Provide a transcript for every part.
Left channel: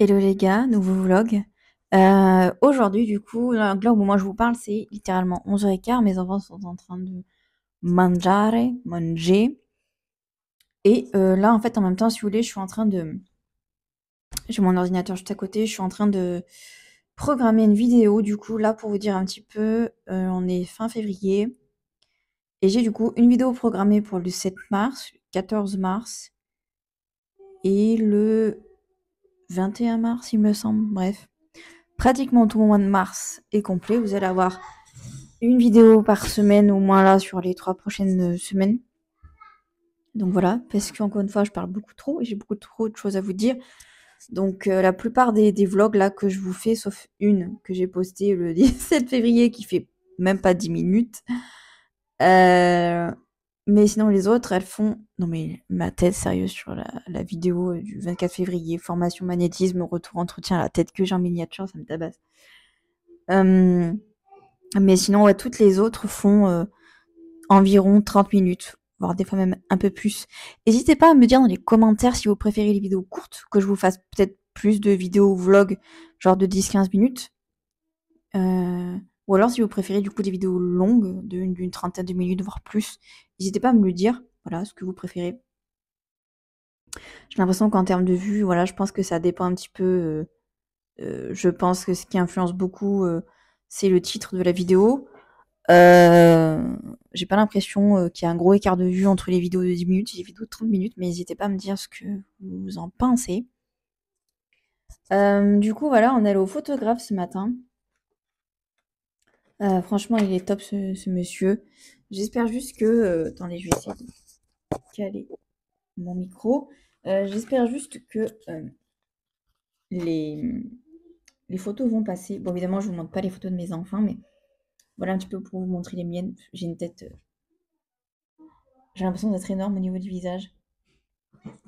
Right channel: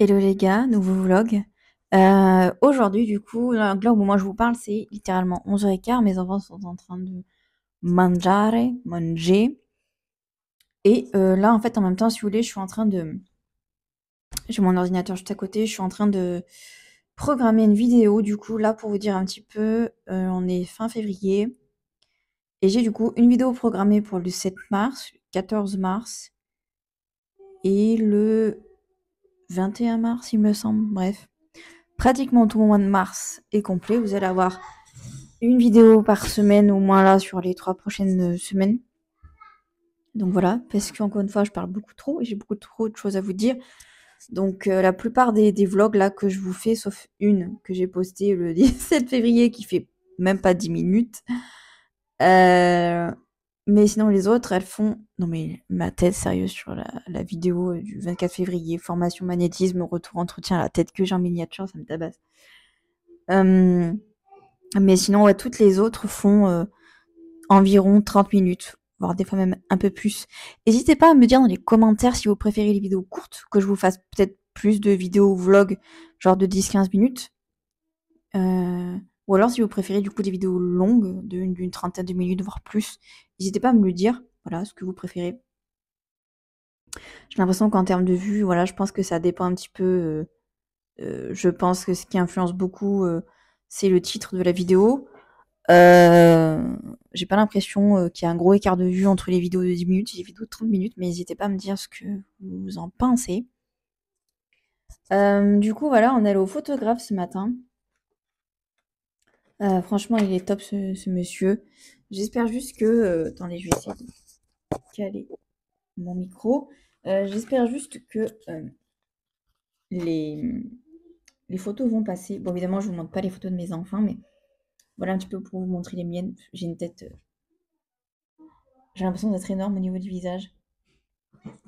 Hello les gars, nouveau vlog. Aujourd'hui, du coup, là au moment où je vous parle, c'est littéralement 11h15. Mes enfants sont en train de manger. Et là, en fait, en même temps, si vous voulez, je suis en train de... J'ai mon ordinateur juste à côté, je suis en train de programmer une vidéo, du coup, là, pour vous dire un petit peu, on est fin février. Et j'ai du coup une vidéo programmée pour le 7 mars, 14 mars et le 21 mars, il me semble. Bref. Pratiquement tout le mois de mars est complet. Vous allez avoir une vidéo par semaine, au moins là, sur les 3 prochaines semaines. Donc voilà, parce qu'encore une fois, je parle beaucoup trop et j'ai beaucoup trop de choses à vous dire. Donc la plupart des vlogs là que je vous fais, sauf une que j'ai postée le 17 février qui fait même pas 10 minutes. Mais sinon les autres, elles font... Non mais ma tête, sérieux, sur la vidéo du 24 février, formation magnétisme, retour entretien, la tête que j'ai en miniature, ça me tabasse. Mais sinon, ouais, toutes les autres font environ 30 minutes, voire des fois même un peu plus. N'hésitez pas à me dire dans les commentaires si vous préférez les vidéos courtes, que je vous fasse peut-être plus de vidéos vlog, genre de 10-15 minutes. Ou alors si vous préférez du coup des vidéos longues, d'une trentaine de minutes, voire plus. N'hésitez pas à me le dire, voilà, ce que vous préférez. J'ai l'impression qu'en termes de vues, voilà, je pense que ça dépend un petit peu. Je pense que ce qui influence beaucoup, c'est le titre de la vidéo. J'ai pas l'impression qu'il y a un gros écart de vue entre les vidéos de 10 minutes et les vidéos de 30 minutes, mais n'hésitez pas à me dire ce que vous en pensez. Du coup, voilà, on est allé au photographe ce matin. Franchement, il est top ce monsieur. J'espère juste que... attendez, je vais essayer de caler mon micro. J'espère juste que les, les photos vont passer. Bon, évidemment, je vous montre pas les photos de mes enfants, mais voilà un petit peu pour vous montrer les miennes. J'ai une tête... j'ai l'impression d'être énorme au niveau du visage.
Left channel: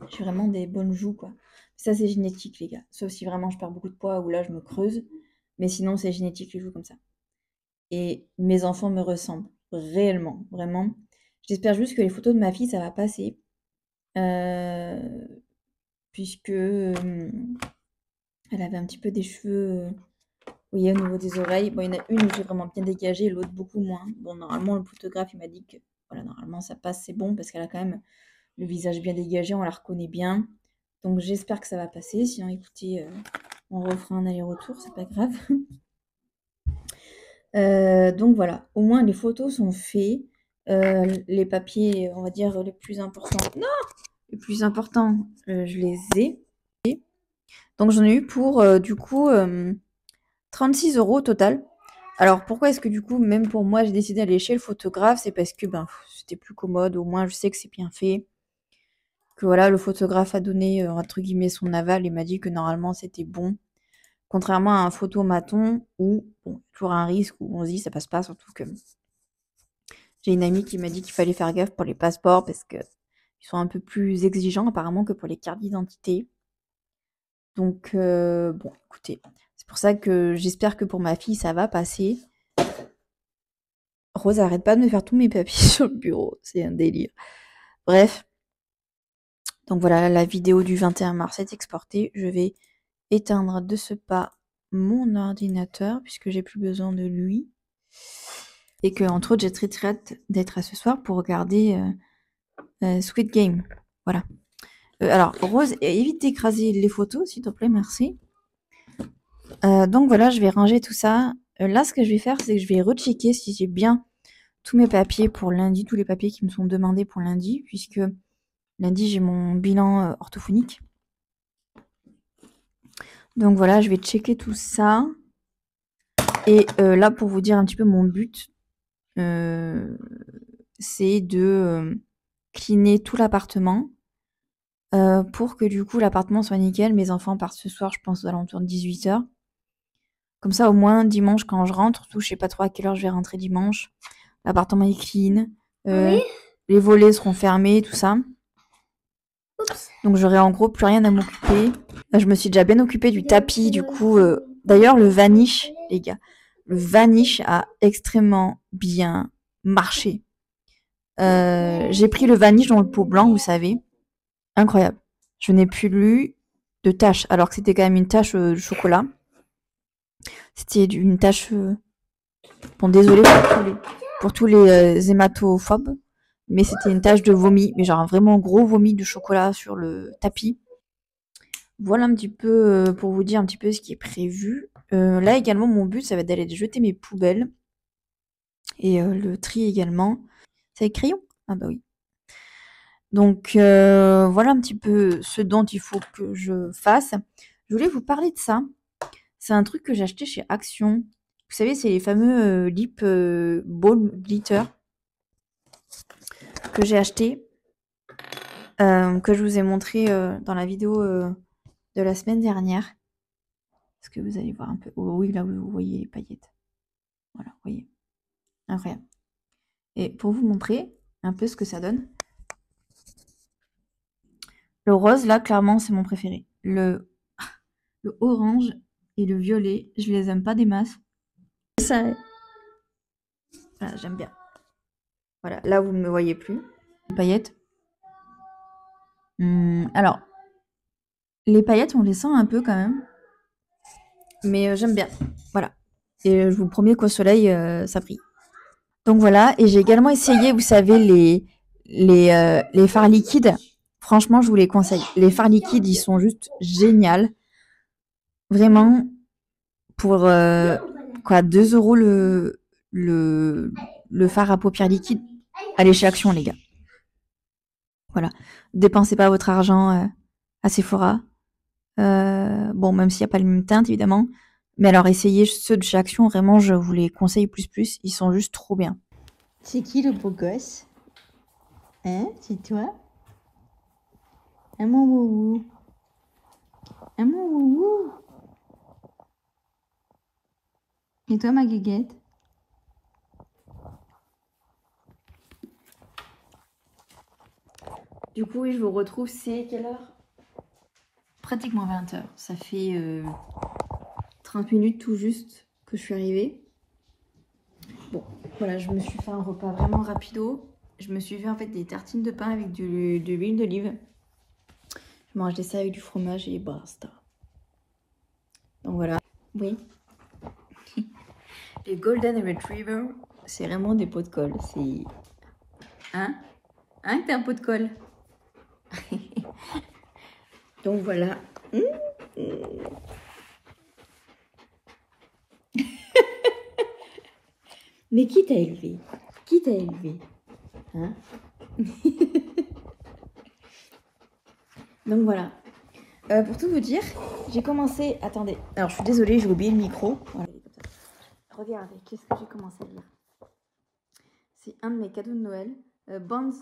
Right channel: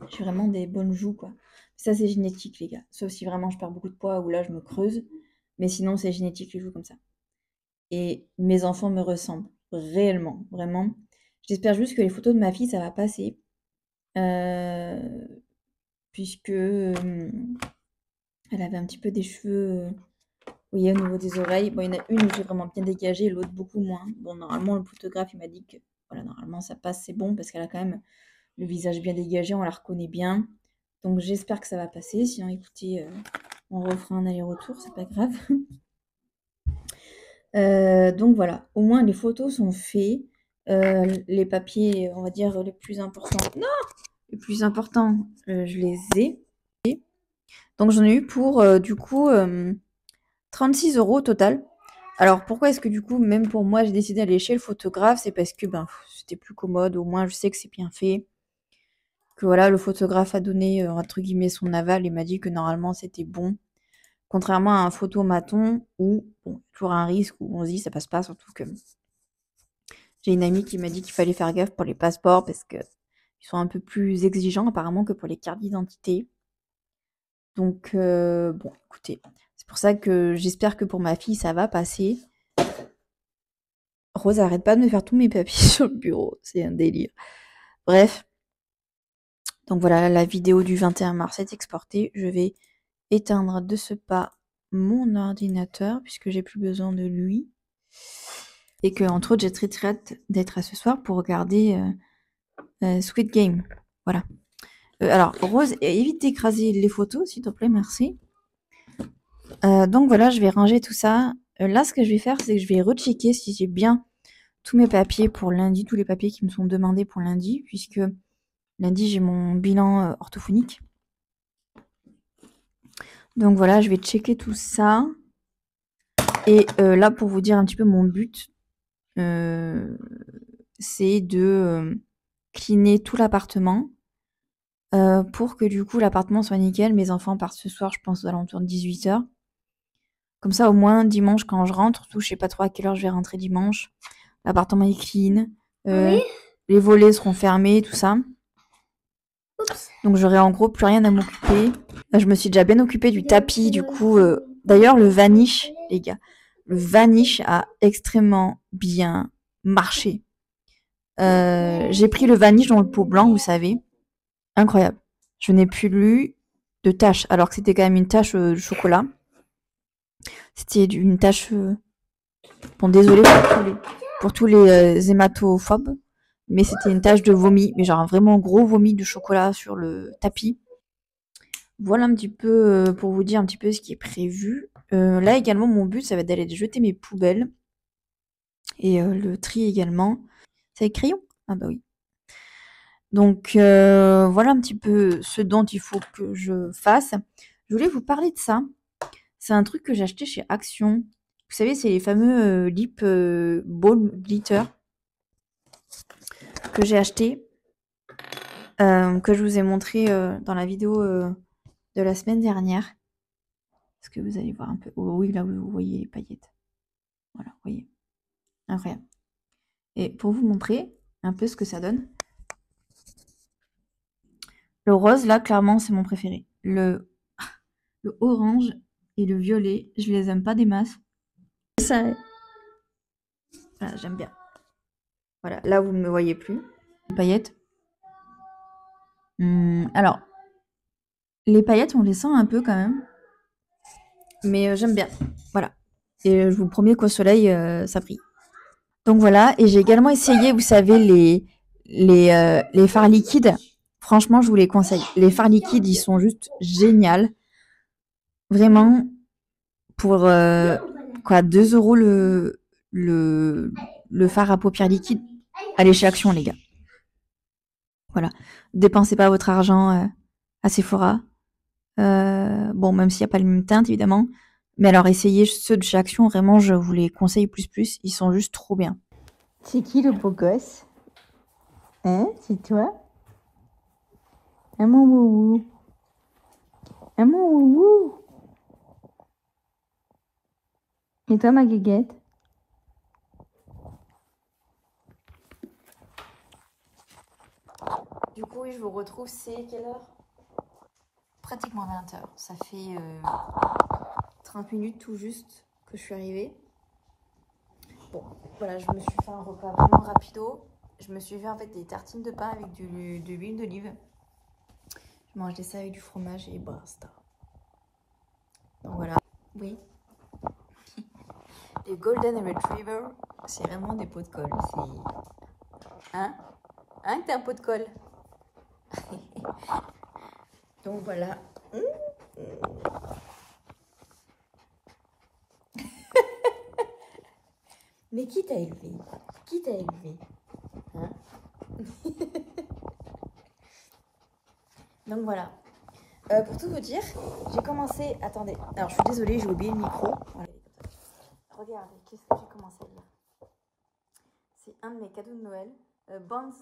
J'ai vraiment des bonnes joues, quoi. Ça, c'est génétique, les gars. Sauf si vraiment je perds beaucoup de poids ou là, je me creuse. Mais sinon, c'est génétique, les joues comme ça. Et mes enfants me ressemblent. Réellement, vraiment. J'espère juste que les photos de ma fille, ça va passer. Euh, puisque elle avait un petit peu des cheveux, vous voyez, au niveau des oreilles. Bon, il y en a une où j'ai vraiment bien dégagé, l'autre beaucoup moins. Bon, normalement, le photographe, il m'a dit que, voilà, normalement, ça passe, c'est bon, parce qu'elle a quand même le visage bien dégagé, on la reconnaît bien. Donc j'espère que ça va passer. Sinon, écoutez, on refera un aller-retour, c'est pas grave. Donc voilà, au moins les photos sont faits. Les papiers, on va dire, les plus importants. Non, les plus importants, je les ai. Donc j'en ai eu pour du coup 36 € au total. Alors pourquoi est-ce que du coup, même pour moi, j'ai décidé d'aller chez le photographe? C'est parce que ben, c'était plus commode, au moins je sais que c'est bien fait. Que voilà, le photographe a donné entre guillemets son aval et m'a dit que normalement c'était bon. Contrairement à un photomaton où, bon, toujours un risque où on se dit ça passe pas, surtout que j'ai une amie qui m'a dit qu'il fallait faire gaffe pour les passeports parce que ils sont un peu plus exigeants apparemment que pour les cartes d'identité. Donc bon, écoutez, c'est pour ça que j'espère que pour ma fille ça va passer. Rose arrête pas de me faire tous mes papiers sur le bureau, c'est un délire. Bref, donc voilà, la vidéo du 21 mars est exportée. Je vais éteindre de ce pas mon ordinateur puisque j'ai plus besoin de lui. Et que, entre autres, j'ai très hâte d'être à ce soir pour regarder Squid Game. Voilà. Alors, Rose, évite d'écraser les photos, s'il te plaît, merci. Donc voilà, je vais ranger tout ça. Là, ce que je vais faire, c'est que je vais rechecker si j'ai bien tous mes papiers pour lundi, tous les papiers qui me sont demandés pour lundi, puisque lundi, j'ai mon bilan orthophonique. Donc voilà, je vais checker tout ça. Et là, pour vous dire un petit peu mon but, c'est de cleaner tout l'appartement pour que du coup l'appartement soit nickel. Mes enfants partent ce soir, je pense, aux alentours de 18h. Comme ça, au moins, dimanche, quand je rentre, surtout, je sais pas trop à quelle heure je vais rentrer dimanche, l'appartement est clean, Oui. les volets seront fermés, tout ça. Oups. Donc j'aurai en gros plus rien à m'occuper. Là, je me suis déjà bien occupée du tapis, du coup. D'ailleurs, le vanish, les gars, le vanish a extrêmement bien marché. J'ai pris le vanish dans le pot blanc, vous savez. Incroyable. Je n'ai plus lu de tache, alors que c'était quand même une tache de chocolat. C'était une tache... Bon, désolé pour tous les hématophobes, mais c'était une tache de vomi, mais genre un vraiment gros vomi de chocolat sur le tapis. Voilà un petit peu pour vous dire un petit peu ce qui est prévu. Là également, mon but, ça va être d'aller jeter mes poubelles. Et le tri également. C'est avec crayon? Ah bah oui. Donc voilà un petit peu ce dont il faut que je fasse. Je voulais vous parler de ça. C'est un truc que j'ai acheté chez Action. Vous savez, c'est les fameux lip balm glitter que j'ai acheté, que je vous ai montré dans la vidéo de la semaine dernière. Est-ce que vous allez voir un peu? Oh, oui, là vous voyez les paillettes. Voilà, vous voyez. Incroyable. Et pour vous montrer un peu ce que ça donne. Le rose, là, clairement, c'est mon préféré. Le orange et le violet, je les aime pas des masses. Ça, voilà, j'aime bien. Voilà, là, vous ne me voyez plus. Les paillettes. Alors, les paillettes, on les sent un peu quand même. Mais j'aime bien. Voilà. Et je vous promets qu'au soleil, ça brille. Donc voilà. Et j'ai également essayé, vous savez, les fards liquides. Franchement, je vous les conseille. Les fards liquides, ils sont juste géniaux. Vraiment, pour quoi, 2 € le fard à paupières liquide. Allez chez Action, les gars. Voilà. Dépensez pas votre argent à Sephora. Bon, même s'il n'y a pas le même teinte, évidemment. Mais alors, essayez ceux de chez Action. Vraiment, je vous les conseille plus. Ils sont juste trop bien. C'est qui le beau gosse? Hein? C'est toi? Ah, mon woubou. Ah, mon woubou. Et toi, ma guéguette? Du coup, oui, je vous retrouve. C'est quelle heure? Pratiquement 20 h. Ça fait 30 minutes tout juste que je suis arrivée. Bon, voilà, je me suis fait un repas vraiment rapido. Je me suis fait en fait des tartines de pain avec de l'huile d'olive. Je mangeais ça avec du fromage et basta. Donc voilà. Oui. Les Golden Retriever, c'est vraiment des pots de colle. C'est... Hein? Hein, t'es un pot de colle? Donc voilà. Mais qui t'a élevé? Qui t'a élevé? Hein? Donc voilà. Pour tout vous dire, j'ai commencé... Attendez. Alors, je suis désolée, j'ai oublié le micro. Voilà. Regardez, qu'est-ce que j'ai commencé à lire? C'est un de mes cadeaux de Noël. Bonds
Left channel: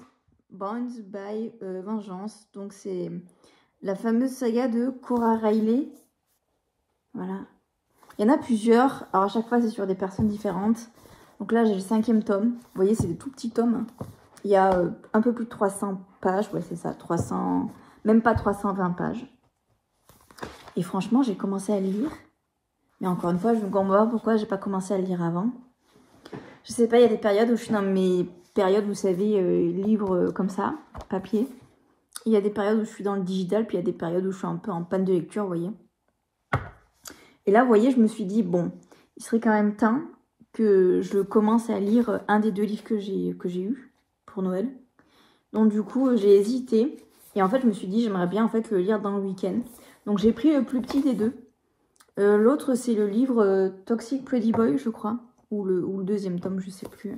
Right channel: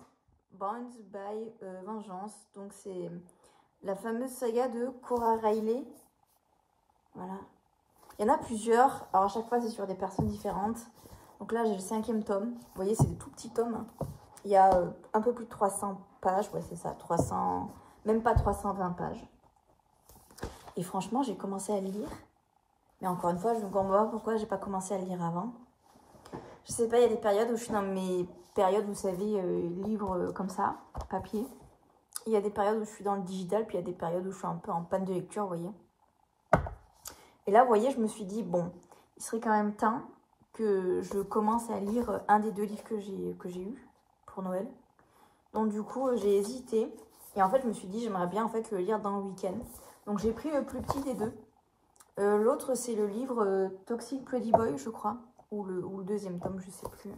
by Vengeance. Donc, c'est la fameuse saga de Cora Riley. Voilà. Il y en a plusieurs. Alors, à chaque fois, c'est sur des personnes différentes. Donc là, j'ai le 5e tome. Vous voyez, c'est des tout petits tomes. Il y a un peu plus de 300 pages. Ouais, c'est ça. 300... Même pas 320 pages. Et franchement, j'ai commencé à lire. Mais encore une fois, je me comprends pas pourquoi j'ai pas commencé à lire avant. Je sais pas, il y a des périodes où je suis dans mes périodes, vous savez, livres comme ça, papier. Il y a des périodes où je suis dans le digital, puis il y a des périodes où je suis un peu en panne de lecture, vous voyez. Et là, vous voyez, je me suis dit, bon, il serait quand même temps que je commence à lire un des 2 livres que j'ai eu pour Noël. Donc du coup, j'ai hésité. Et en fait, je me suis dit, j'aimerais bien en fait le lire dans le week-end. Donc j'ai pris le plus petit des 2. L'autre, c'est le livre Toxic Pretty Boy, je crois. Ou le 2e tome, je sais plus.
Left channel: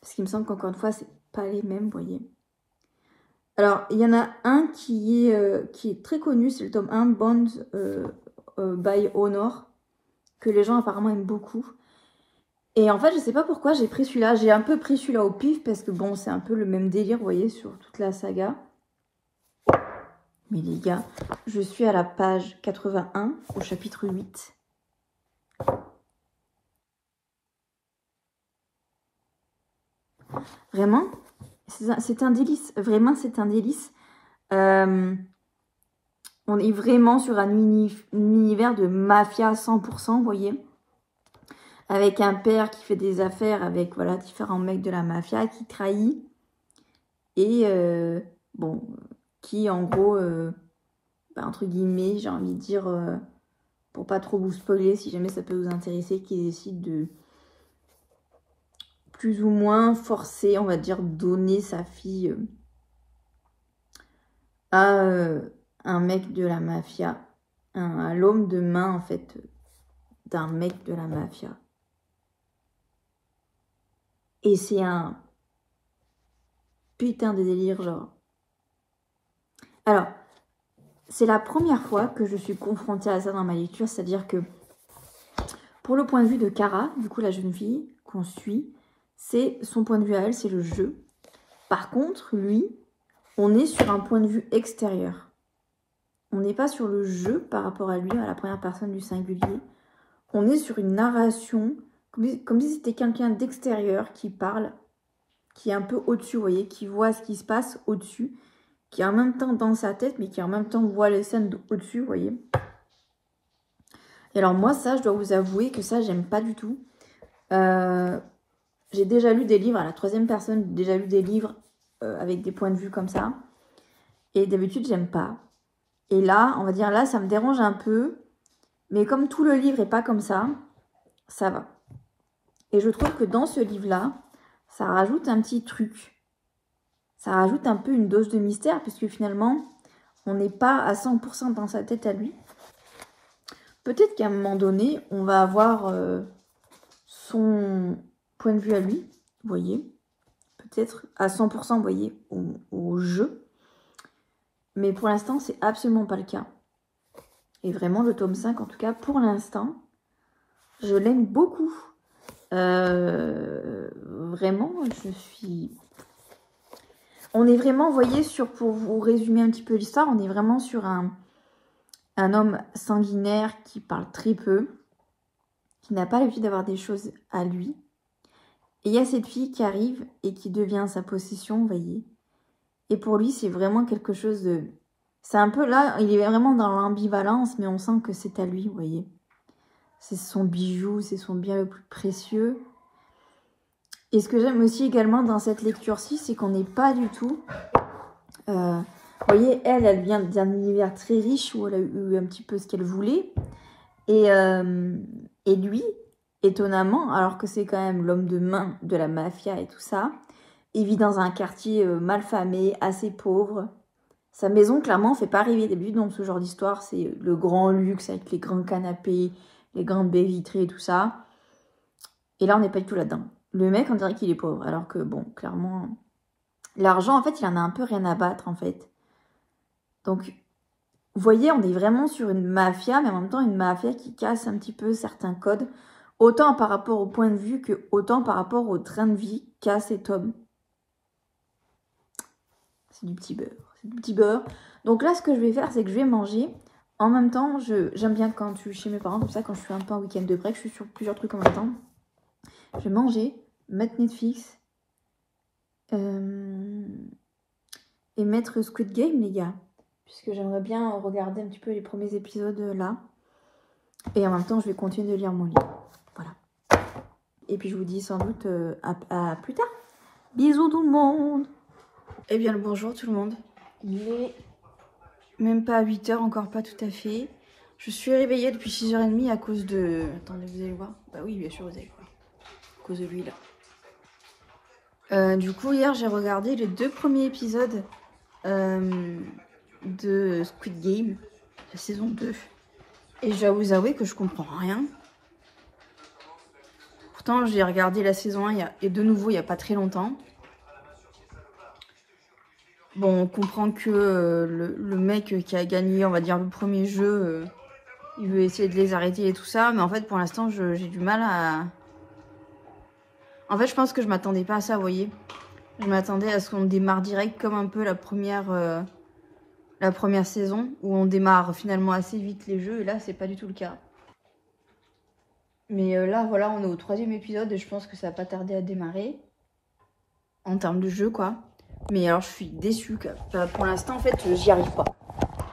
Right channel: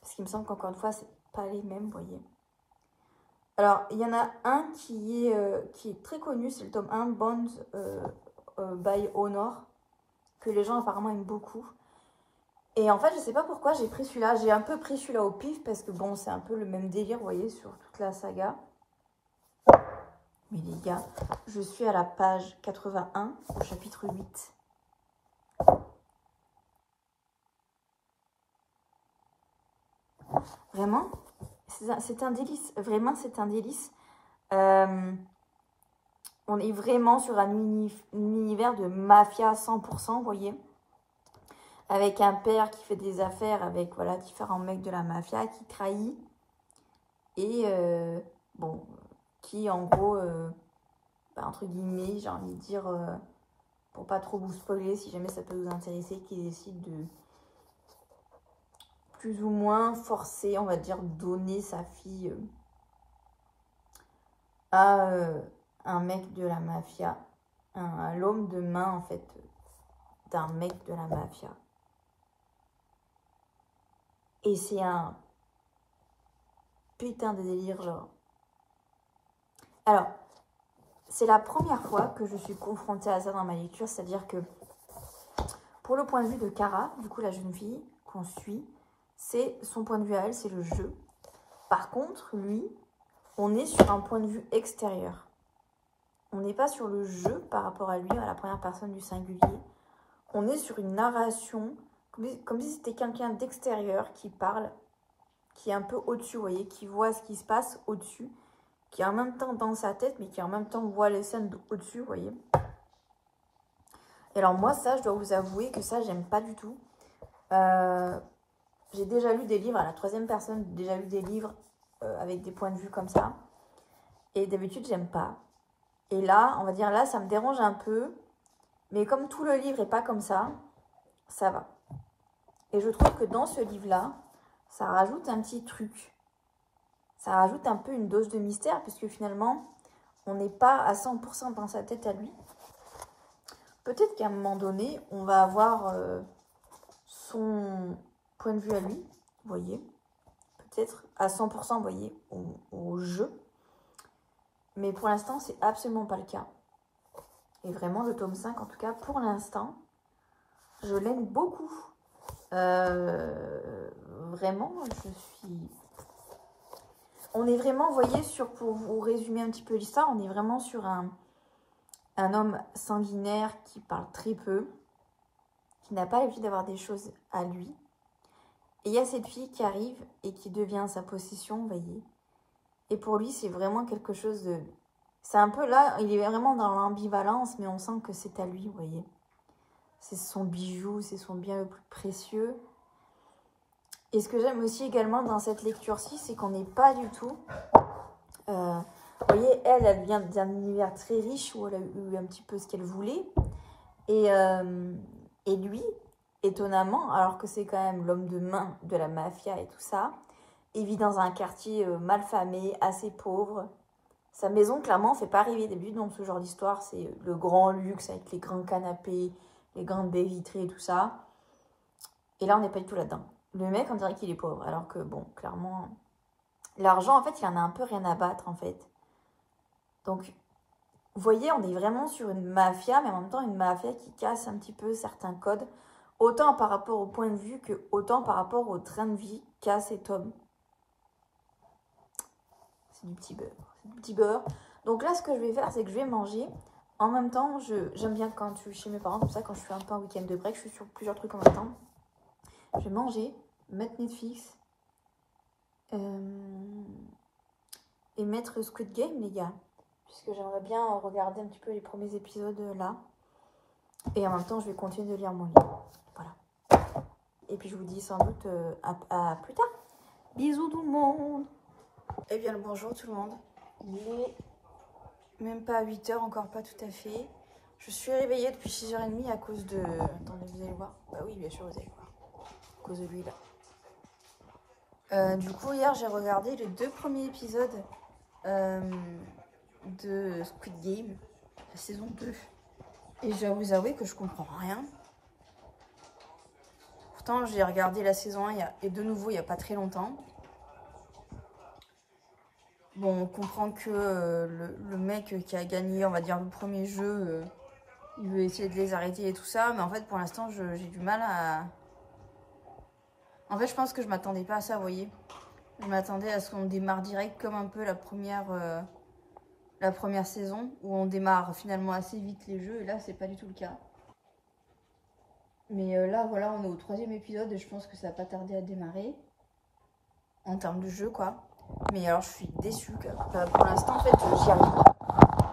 Parce qu'il me semble qu'encore une fois, c'est pas les mêmes, vous voyez. Alors, il y en a un qui est très connu, c'est le tome 1, Bonds by Honor, que les gens apparemment aiment beaucoup. Et en fait, je sais pas pourquoi j'ai pris celui-là. J'ai un peu pris celui-là au pif, parce que bon, c'est un peu le même délire, vous voyez, sur toute la saga. Mais les gars, je suis à la page 81, au chapitre 8. Vraiment, c'est un délice. Vraiment, c'est un délice. On est vraiment sur un univers de mafia 100%, vous voyez. Avec un père qui fait des affaires avec voilà, différents mecs de la mafia, qui trahit. Et bon, qui en gros enfin entre guillemets, j'ai envie de dire, pour pas trop vous spoiler, si jamais ça peut vous intéresser, qui décide de plus ou moins forcer, on va dire, donner sa fille à un mec de la mafia, à l'homme de main en fait d'un mec de la mafia. Et c'est un putain de délire, genre. Alors, c'est la première fois que je suis confrontée à ça dans ma lecture, c'est-à-dire que pour le point de vue de Kara, du coup la jeune fille qu'on suit, c'est son point de vue à elle, c'est le jeu. Par contre, lui, on est sur un point de vue extérieur. On n'est pas sur le jeu par rapport à lui, à la première personne du singulier. On est sur une narration, comme si c'était quelqu'un d'extérieur qui parle, qui est un peu au-dessus, vous voyez, qui voit ce qui se passe au-dessus, qui est en même temps dans sa tête, mais qui en même temps voit les scènes au-dessus, vous voyez. Et alors moi, ça, je dois vous avouer que ça, j'aime pas du tout. J'ai déjà lu des livres, à la troisième personne, j'ai déjà lu des livres avec des points de vue comme ça. Et d'habitude, j'aime pas. Et là, on va dire, là, ça me dérange un peu. Mais comme tout le livre est pas comme ça va. Et je trouve que dans ce livre-là, ça rajoute un petit truc. Ça rajoute un peu une dose de mystère, puisque finalement, on n'est pas à 100% dans sa tête à lui. Peut-être qu'à un moment donné, on va avoir son point de vue à lui, vous voyez. Peut-être à 100%, vous voyez, au jeu. Mais pour l'instant, c'est absolument pas le cas. Et vraiment, le tome 5, en tout cas, pour l'instant, je l'aime beaucoup. Vraiment, je suis... On est vraiment, vous voyez, pour vous résumer un petit peu l'histoire, on est vraiment sur un homme sanguinaire qui parle très peu, qui n'a pas l'habitude d'avoir des choses à lui. Et il y a cette fille qui arrive et qui devient sa possession, vous voyez. Et pour lui, c'est vraiment quelque chose de... C'est un peu là, il est vraiment dans l'ambivalence, mais on sent que c'est à lui, vous voyez. C'est son bijou, c'est son bien le plus précieux. Et ce que j'aime aussi également dans cette lecture-ci, c'est qu'on n'est pas du tout... vous voyez, elle vient d'un univers très riche où elle a eu un petit peu ce qu'elle voulait. Et lui, étonnamment, alors que c'est quand même l'homme de main de la mafia et tout ça, il vit dans un quartier malfamé, assez pauvre. Sa maison, clairement, fait pas rêver. D'habitude, dans ce genre d'histoire, c'est le grand luxe avec les grands canapés, les grandes baies vitrées et tout ça. Et là, on n'est pas du tout là-dedans. Le mec, on dirait qu'il est pauvre. Alors que, bon, clairement, l'argent, en fait, il en a un peu rien à battre, en fait. Donc, vous voyez, on est vraiment sur une mafia, mais en même temps, une mafia qui casse un petit peu certains codes. Autant par rapport au point de vue que autant par rapport au train de vie qu'a cet homme. C'est du petit beurre. C'est du petit beurre. Donc là, ce que je vais faire, c'est que je vais manger. En même temps, j'aime bien quand je suis chez mes parents, comme ça, quand je suis un peu en week-end de break, je suis sur plusieurs trucs en même temps. Je vais manger, mettre Netflix et mettre Squid Game, les gars. Puisque j'aimerais bien regarder un petit peu les premiers épisodes là. Et en même temps, je vais continuer de lire mon livre. Voilà. Et puis, je vous dis sans doute à plus tard. Bisous tout le monde. Eh bien, le bonjour tout le monde. Il est même pas à 8h, encore pas tout à fait. Je suis réveillée depuis 6h30 à cause de... Attendez, vous allez voir. Bah oui, bien sûr, vous allez voir. À cause de lui, là. Du coup, hier, j'ai regardé les 2 premiers épisodes de Squid Game, la saison 2. Et je dois vous avouer que je comprends rien. Pourtant, j'ai regardé la saison 1 et de nouveau il n'y a pas très longtemps. Bon, on comprend que le mec qui a gagné, on va dire, le premier jeu, il veut essayer de les arrêter et tout ça. Mais en fait, pour l'instant, j'ai du mal à... En fait, je pense que je m'attendais pas à ça, vous voyez. Je m'attendais à ce qu'on démarre direct comme un peu la première saison, où on démarre finalement assez vite les jeux. Et là, c'est pas du tout le cas. Mais là, voilà, on est au 3e épisode et je pense que ça va pas tarder à démarrer. En termes de jeu, quoi. Mais alors, je suis déçue. Pour l'instant, en fait, j'y arrive pas.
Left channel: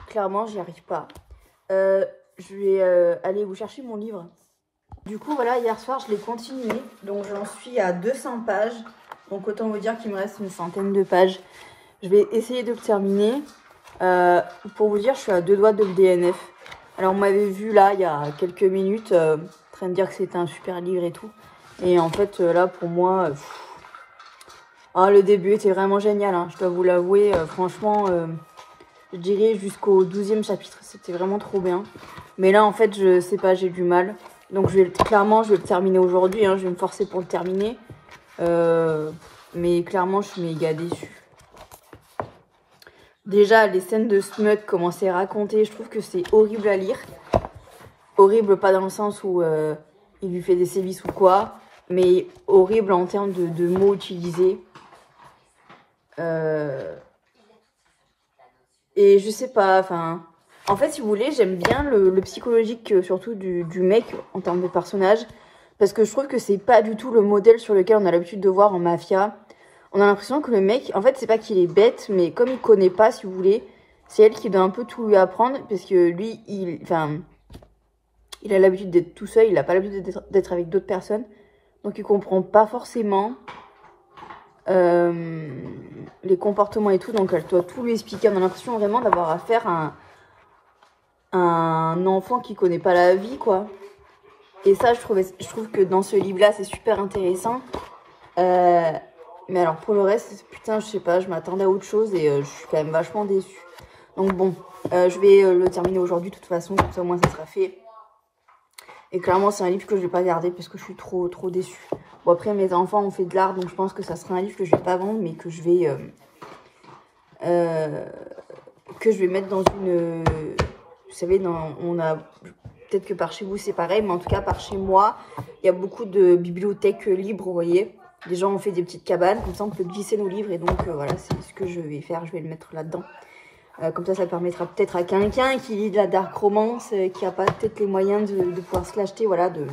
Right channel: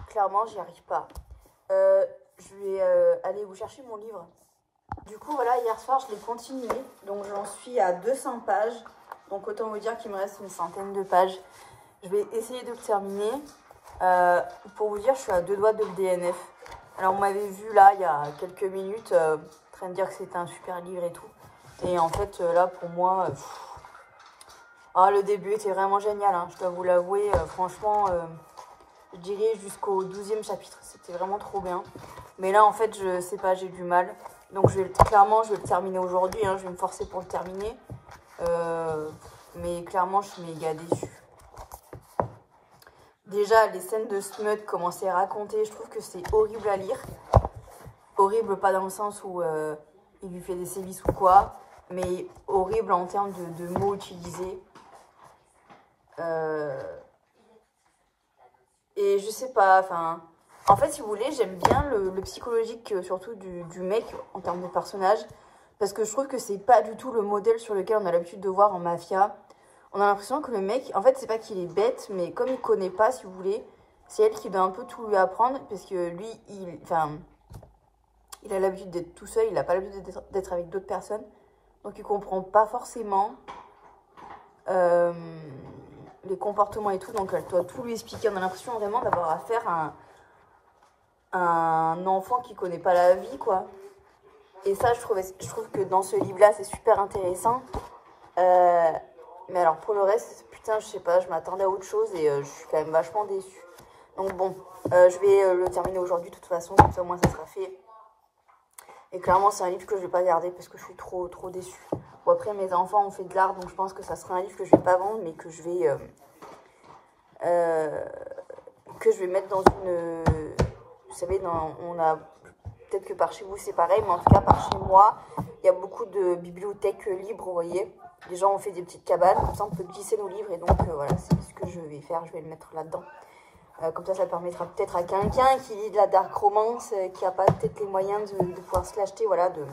Clairement, j'y arrive pas. Je vais aller vous chercher mon livre. Du coup, voilà, hier soir, je l'ai continué. Donc, j'en suis à 200 pages. Donc, autant vous dire qu'il me reste une centaine de pages. Je vais essayer de le terminer. Pour vous dire, je suis à 2 doigts de le DNF. Alors, on m'avait vu là, il y a quelques minutes, en train de dire que c'était un super livre et tout. Et en fait, là, pour moi, le début était vraiment génial, hein, je dois vous l'avouer. Franchement, je dirais jusqu'au 12e chapitre, c'était vraiment trop bien. Mais là, en fait, je sais pas, j'ai du mal. Donc, clairement, je vais le terminer aujourd'hui, hein, je vais me forcer pour le terminer. Mais clairement, je suis méga déçue. Déjà, les scènes de Smut, comment c'est raconté, je trouve que c'est horrible à lire. Horrible, pas dans le sens où il lui fait des sévices ou quoi, mais horrible en termes de mots utilisés. Et je sais pas, enfin... En fait, si vous voulez, j'aime bien le psychologique, surtout du mec, en termes de personnage, parce que je trouve que c'est pas du tout le modèle sur lequel on a l'habitude de voir en mafia. On a l'impression que le mec, en fait, c'est pas qu'il est bête, mais comme il connaît pas, si vous voulez, c'est elle qui doit un peu tout lui apprendre, parce que lui, il a l'habitude d'être tout seul, il a pas l'habitude d'être avec d'autres personnes, donc il comprend pas forcément les comportements et tout, donc elle doit tout lui expliquer. On a l'impression vraiment d'avoir affaire à un enfant qui connaît pas la vie, quoi. Et ça, je trouve que dans ce livre-là, c'est super intéressant. Mais alors pour le reste, putain, je sais pas, je m'attendais à autre chose et je suis quand même vachement déçue. Donc bon, je vais le terminer aujourd'hui de toute façon, comme ça au moins ça sera fait. Et clairement, c'est un livre que je vais pas garder parce que je suis trop déçue. Bon, après, mes enfants ont fait de l'art, donc je pense que ça sera un livre que je vais pas vendre, mais que je vais mettre dans une... Vous savez, on a... Peut-être que par chez vous, c'est pareil, mais en tout cas, par chez moi, il y a beaucoup de bibliothèques libres, vous voyez. Les gens ont fait des petites cabanes, comme ça, on peut glisser nos livres. Et donc, voilà, c'est ce que je vais faire. Je vais le mettre là-dedans. Comme ça permettra peut-être à quelqu'un qui lit de la dark romance, qui n'a pas peut-être les moyens de pouvoir se l'acheter, voilà, de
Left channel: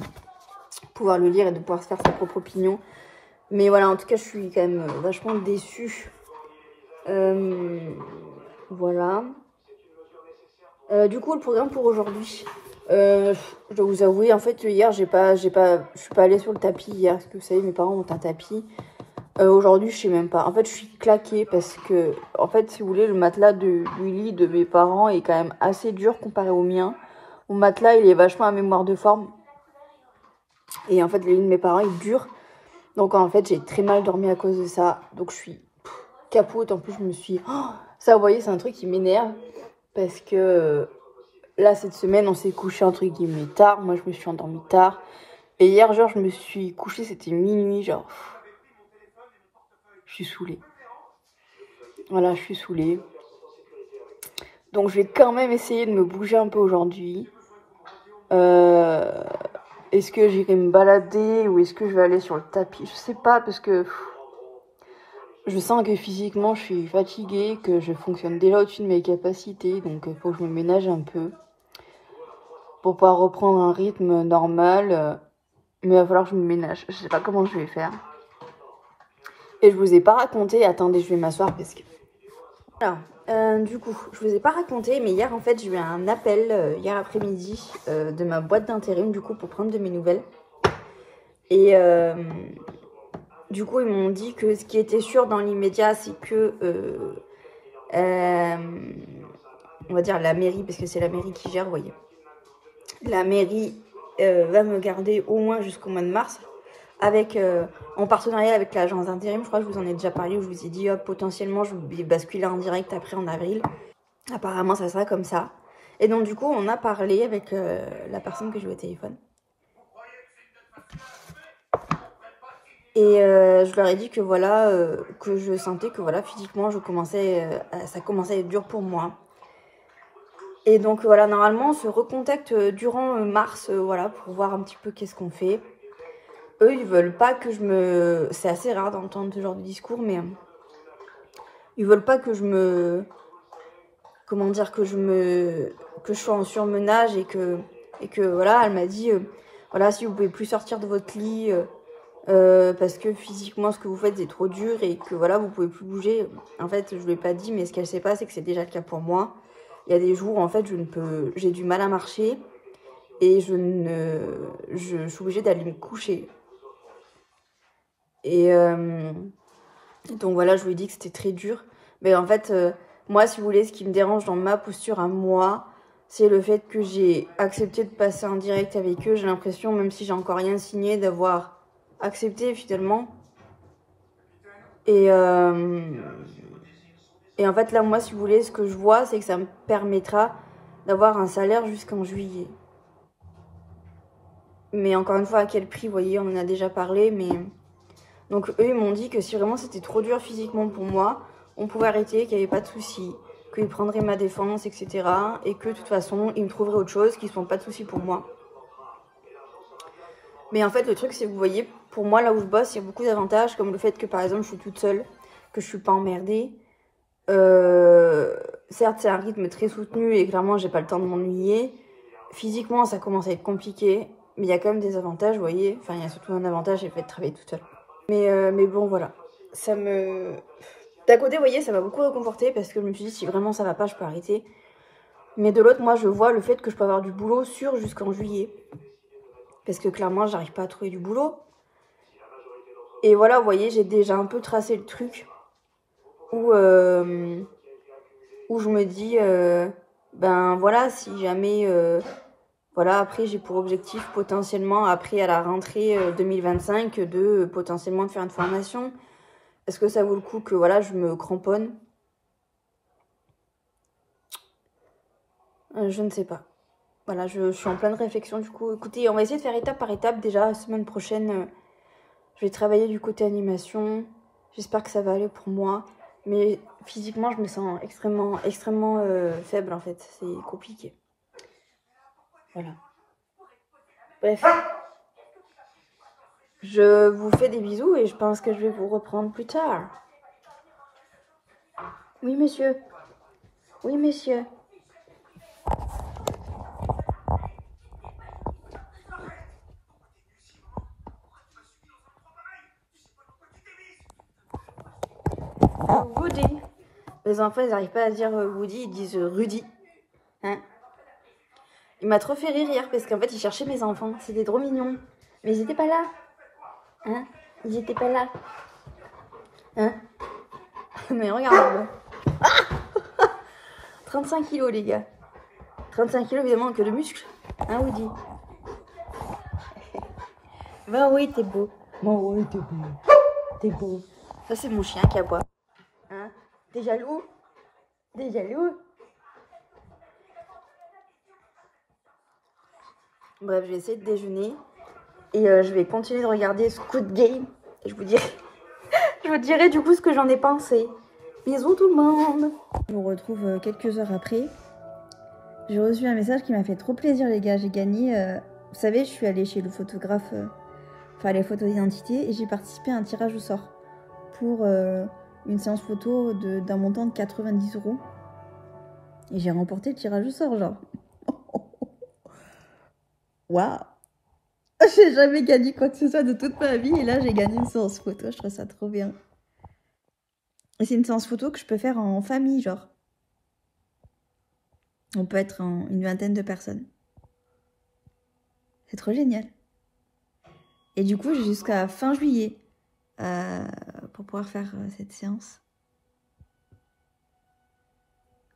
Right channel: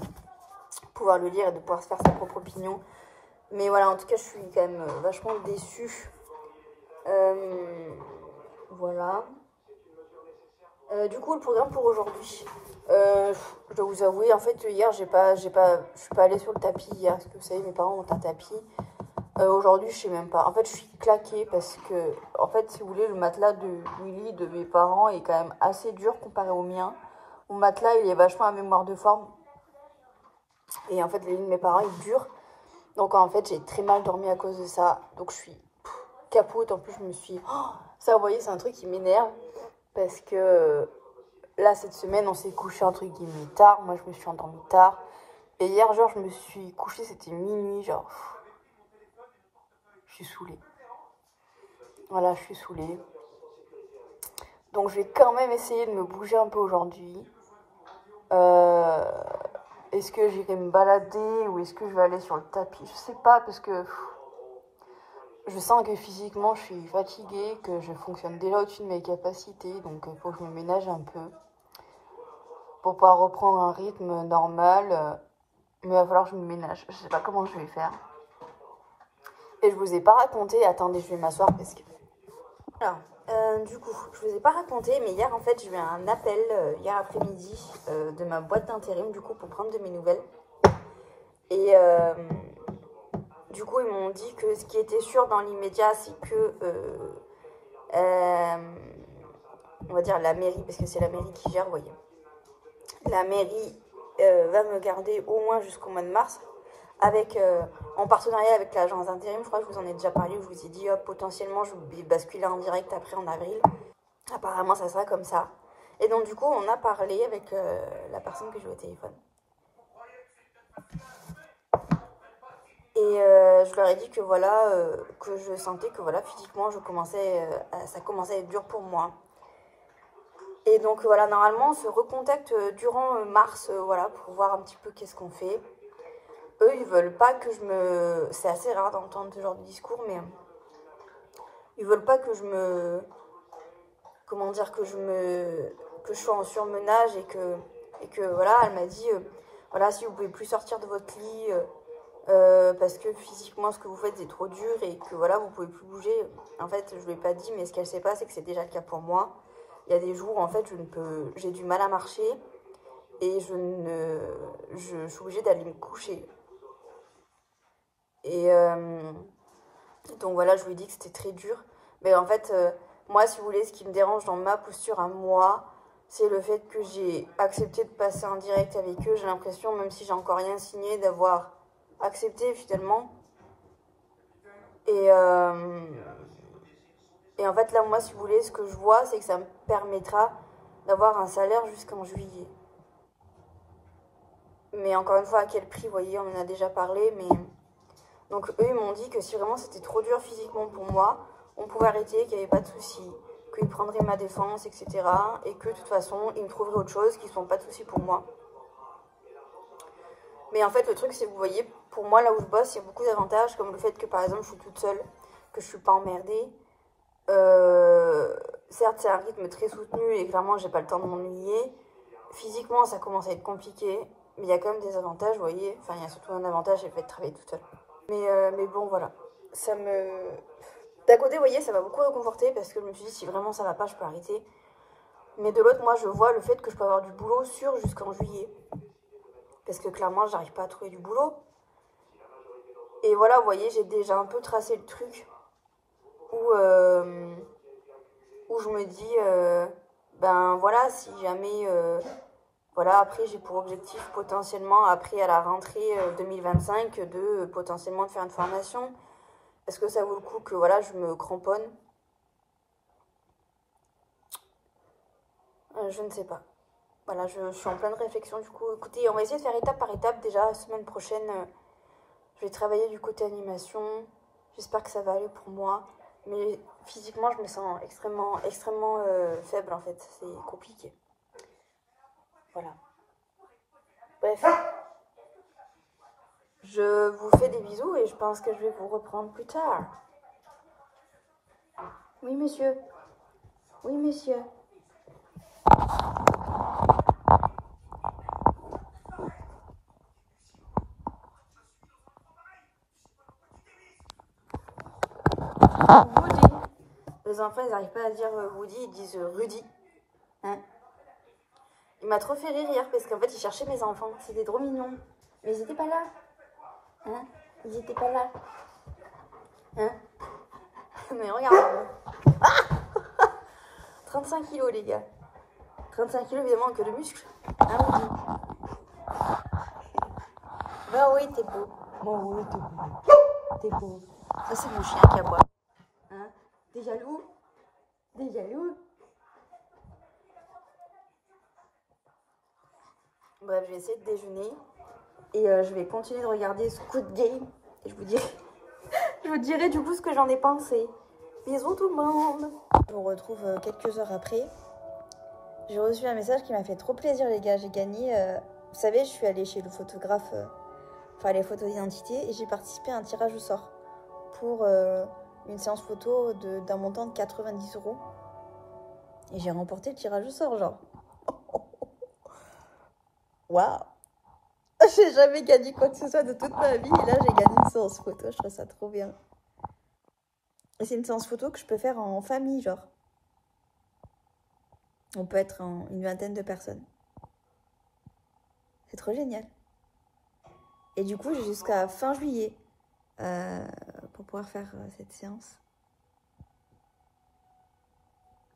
pouvoir le lire et de pouvoir se faire sa propre opinion. Mais voilà, en tout cas, je suis quand même vachement déçue. Voilà. Du coup, le programme pour aujourd'hui. Je dois vous avouer, en fait, hier, je suis pas allée sur le tapis hier, parce que vous savez, mes parents ont un tapis. Aujourd'hui, je sais même pas. En fait, je suis claquée parce que, en fait, si vous voulez, le matelas du lit de mes parents est quand même assez dur comparé au mien. Mon matelas, il est vachement à mémoire de forme. Et en fait, le lit de mes parents, il est dur. Donc, en fait, j'ai très mal dormi à cause de ça. Donc, je suis capote. En plus, je me suis... ça, vous voyez, c'est un truc qui m'énerve. Parce que là, cette semaine, on s'est couché entre guillemets tard. Moi, je me suis endormie tard. Et hier, genre, je me suis couchée, c'était minuit, genre... Je suis saoulée. Voilà, je suis saoulée. Donc, je vais quand même essayer de me bouger un peu aujourd'hui. Est-ce que j'irai me balader ou est-ce que je vais aller sur le tapis? Je sais pas, parce que je sens que physiquement, je suis fatiguée, que je fonctionne déjà au-dessus de mes capacités. Donc, il faut que je me ménage un peu pour pouvoir reprendre un rythme normal. Mais il va falloir que je me ménage. Je sais pas comment je vais faire. Et je vous ai pas raconté. Attendez, je vais m'asseoir parce que... Alors, du coup, je vous ai pas raconté, mais hier, en fait, j'ai eu un appel, hier après-midi, de ma boîte d'intérim, du coup, pour prendre de mes nouvelles. Et du coup, ils m'ont dit que ce qui était sûr dans l'immédiat, c'est que, on va dire la mairie, parce que c'est la mairie qui gère, vous voyez. La mairie va me garder au moins jusqu'au mois de mars, avec en partenariat avec l'agence d'intérim. Je crois que je vous en ai déjà parlé, où je vous ai dit potentiellement je vais basculer en direct après en avril. Apparemment ça sera comme ça. Et donc du coup on a parlé avec la personne que j'ai au téléphone. Et je leur ai dit que voilà, que je sentais que voilà, physiquement ça commençait à être dur pour moi. Et donc voilà, normalement on se recontacte durant mars, voilà, pour voir un petit peu qu'est-ce qu'on fait. Eux, ils veulent pas que je me... C'est assez rare d'entendre ce genre de discours, mais... Ils veulent pas que je me... Comment dire, que je sois en surmenage et que voilà, elle m'a dit... voilà, si vous pouvez plus sortir de votre lit... parce que physiquement, ce que vous faites, c'est trop dur et que voilà, vous pouvez plus bouger. En fait, je ne l'ai pas dit, mais ce qu'elle sait pas, c'est que c'est déjà le cas pour moi. Il y a des jours où, en fait, j'ai du mal à marcher et je suis obligée d'aller me coucher. Et donc voilà, je lui ai dit que c'était très dur. Mais en fait, Moi, si vous voulez, ce qui me dérange dans ma posture à moi, c'est le fait que j'ai accepté de passer en direct avec eux. J'ai l'impression, même si j'ai encore rien signé, d'avoir accepté finalement. Et en fait, là, moi, si vous voulez, ce que je vois, c'est que ça me permettra d'avoir un salaire jusqu'en juillet. Mais encore une fois, à quel prix, vous voyez, on en a déjà parlé. Mais donc, eux, ils m'ont dit que si vraiment c'était trop dur physiquement pour moi, on pouvait arrêter, qu'il n'y avait pas de souci, qu'ils prendraient ma défense, etc. Et que de toute façon, ils me trouveraient autre chose, qu'ils ne sont pas de souci pour moi. Mais en fait, le truc, c'est que vous voyez, pour moi, là où je bosse, il y a beaucoup d'avantages, comme le fait que, par exemple, je suis toute seule, que je ne suis pas emmerdée. Certes, c'est un rythme très soutenu et clairement, j'ai pas le temps de m'ennuyer. Physiquement, ça commence à être compliqué, mais il y a quand même des avantages, vous voyez. Enfin, il y a surtout un avantage, c'est le fait de travailler toute seule. Mais bon, voilà. Ça me... D'un côté, vous voyez, ça m'a beaucoup réconforté parce que je me suis dit, si vraiment ça va pas, je peux arrêter. Mais de l'autre, moi, je vois le fait que je peux avoir du boulot sûr jusqu'en juillet. Parce que clairement, j'arrive pas à trouver du boulot. Et voilà, vous voyez, j'ai déjà un peu tracé le truc où je me dis, ben voilà, si jamais, voilà, après j'ai pour objectif potentiellement, après à la rentrée 2025, de potentiellement de faire une formation. Est-ce que ça vaut le coup que voilà, je me cramponne? Je ne sais pas. Voilà, je suis en pleine réflexion du coup. Écoutez, on va essayer de faire étape par étape. Déjà, la semaine prochaine, je vais travailler du côté animation. J'espère que ça va aller pour moi. Mais physiquement, je me sens extrêmement faible en fait. C'est compliqué. Voilà. Bref. Je vous fais des bisous et je pense que je vais vous reprendre plus tard. Oui, monsieur. Oui, monsieur. Woody. Les enfants, ils n'arrivent pas à dire Woody, ils disent Rudy. Hein? Il m'a trop fait rire hier parce qu'en fait, il cherchait mes enfants. C'était trop mignon. Mais ils étaient pas là. Hein? Ils étaient pas là. Hein? Mais regarde. Ah 35 kilos, les gars. 35 kilos, évidemment, que de muscles. Hein, Woody? Ben oui, t'es beau. Bon, oui, t'es beau. T'es beau. Ça, c'est mon chien qui aboie. Hein? T'es jaloux? T'es jaloux? Bref, je vais essayer de déjeuner. Et je vais continuer de regarder Squid Game. Et je vous dirai du coup ce que j'en ai pensé. Bisous tout le monde. Je vous retrouve quelques heures après. J'ai reçu un message qui m'a fait trop plaisir, les gars. J'ai gagné. Vous savez, je suis allée chez le photographe, enfin les photos d'identité, et j'ai participé à un tirage au sort pour une séance photo d'un montant de 90 €. Et j'ai remporté le tirage au sort, genre. Waouh! J'ai jamais gagné quoi que ce soit de toute ma vie, et là j'ai gagné une séance photo. Je trouve ça trop bien. Et c'est une séance photo que je peux faire en famille, genre. On peut être une vingtaine de personnes. C'est trop génial. Et du coup, j'ai jusqu'à fin juillet pour pouvoir faire cette séance.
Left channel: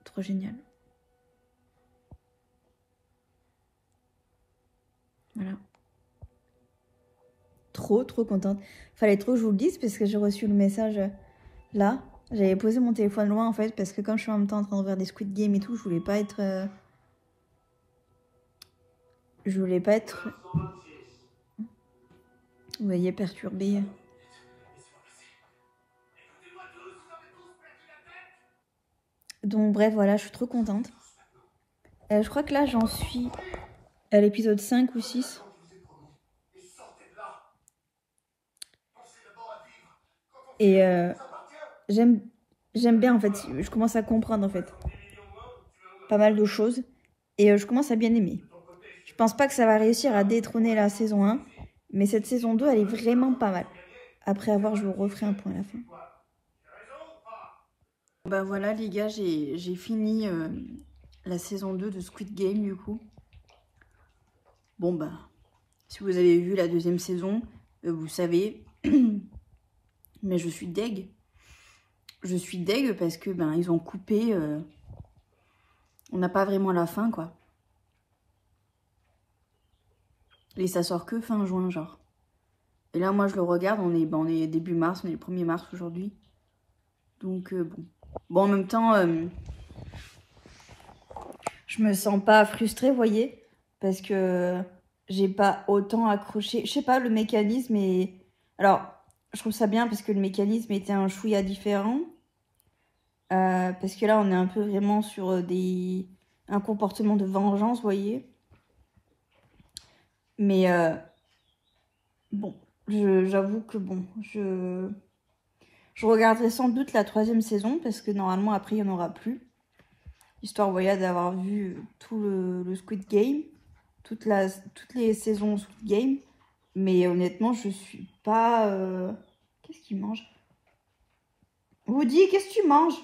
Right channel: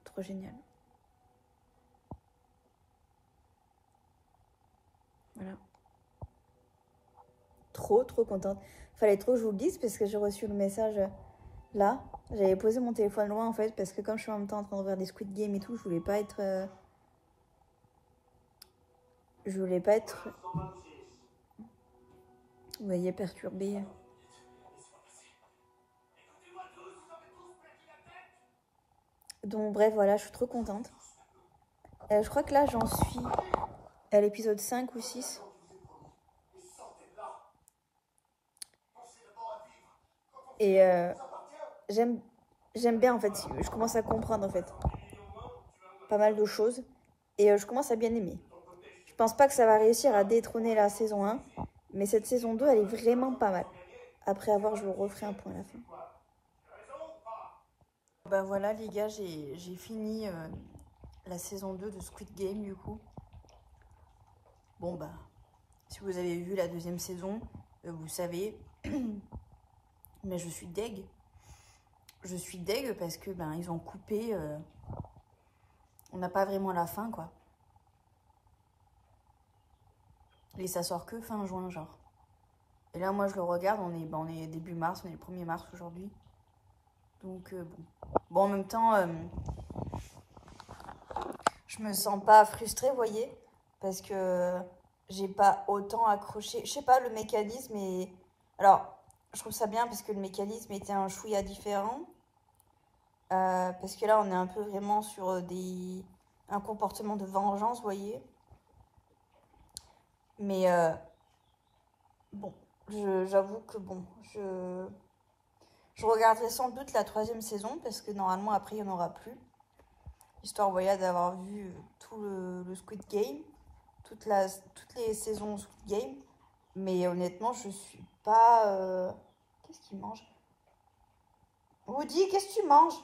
Trop génial. Voilà. Trop contente. Fallait trop que je vous le dise parce que j'ai reçu le message là. J'avais posé mon téléphone loin en fait parce que comme je suis en même temps en train de faire des Squid Game et tout, je voulais pas être... Vous voyez, perturbée. Donc bref, voilà, je suis trop contente. Je crois que là, j'en suis à l'épisode 5 ou 6. Et j'aime bien, en fait. Je commence à comprendre, en fait, pas mal de choses. Et je commence à bien aimer. Je pense pas que ça va réussir à détrôner la saison 1. Mais cette saison 2, elle est vraiment pas mal. Après avoir, je vous referai un point à la fin. Bah voilà, les gars, j'ai fini la saison 2 de Squid Game, du coup. Bon, bah, si vous avez vu la deuxième saison, vous savez. Mais je suis deg. je suis deg parce que ben ils ont coupé. On n'a pas vraiment la fin, quoi. Et ça sort que fin juin, genre. Et là, moi, je le regarde, on est début mars, on est le 1er mars aujourd'hui. Donc, bon. Bon, en même temps, je me sens pas frustrée, vous voyez. Parce que j'ai pas autant accroché. Je sais pas, le mécanisme est... Alors, je trouve ça bien parce que le mécanisme était un chouïa différent. Parce que là, on est un peu vraiment sur un comportement de vengeance, vous voyez. Mais bon, j'avoue que bon, je regarderai sans doute la 3e saison parce que normalement après il n'y en aura plus. Histoire, vous voyez, d'avoir vu tout le Squid Game, toutes les saisons Squid Game. Mais honnêtement, je suis pas... Qu'est-ce qu'il mange? Woody, qu'est-ce que tu manges?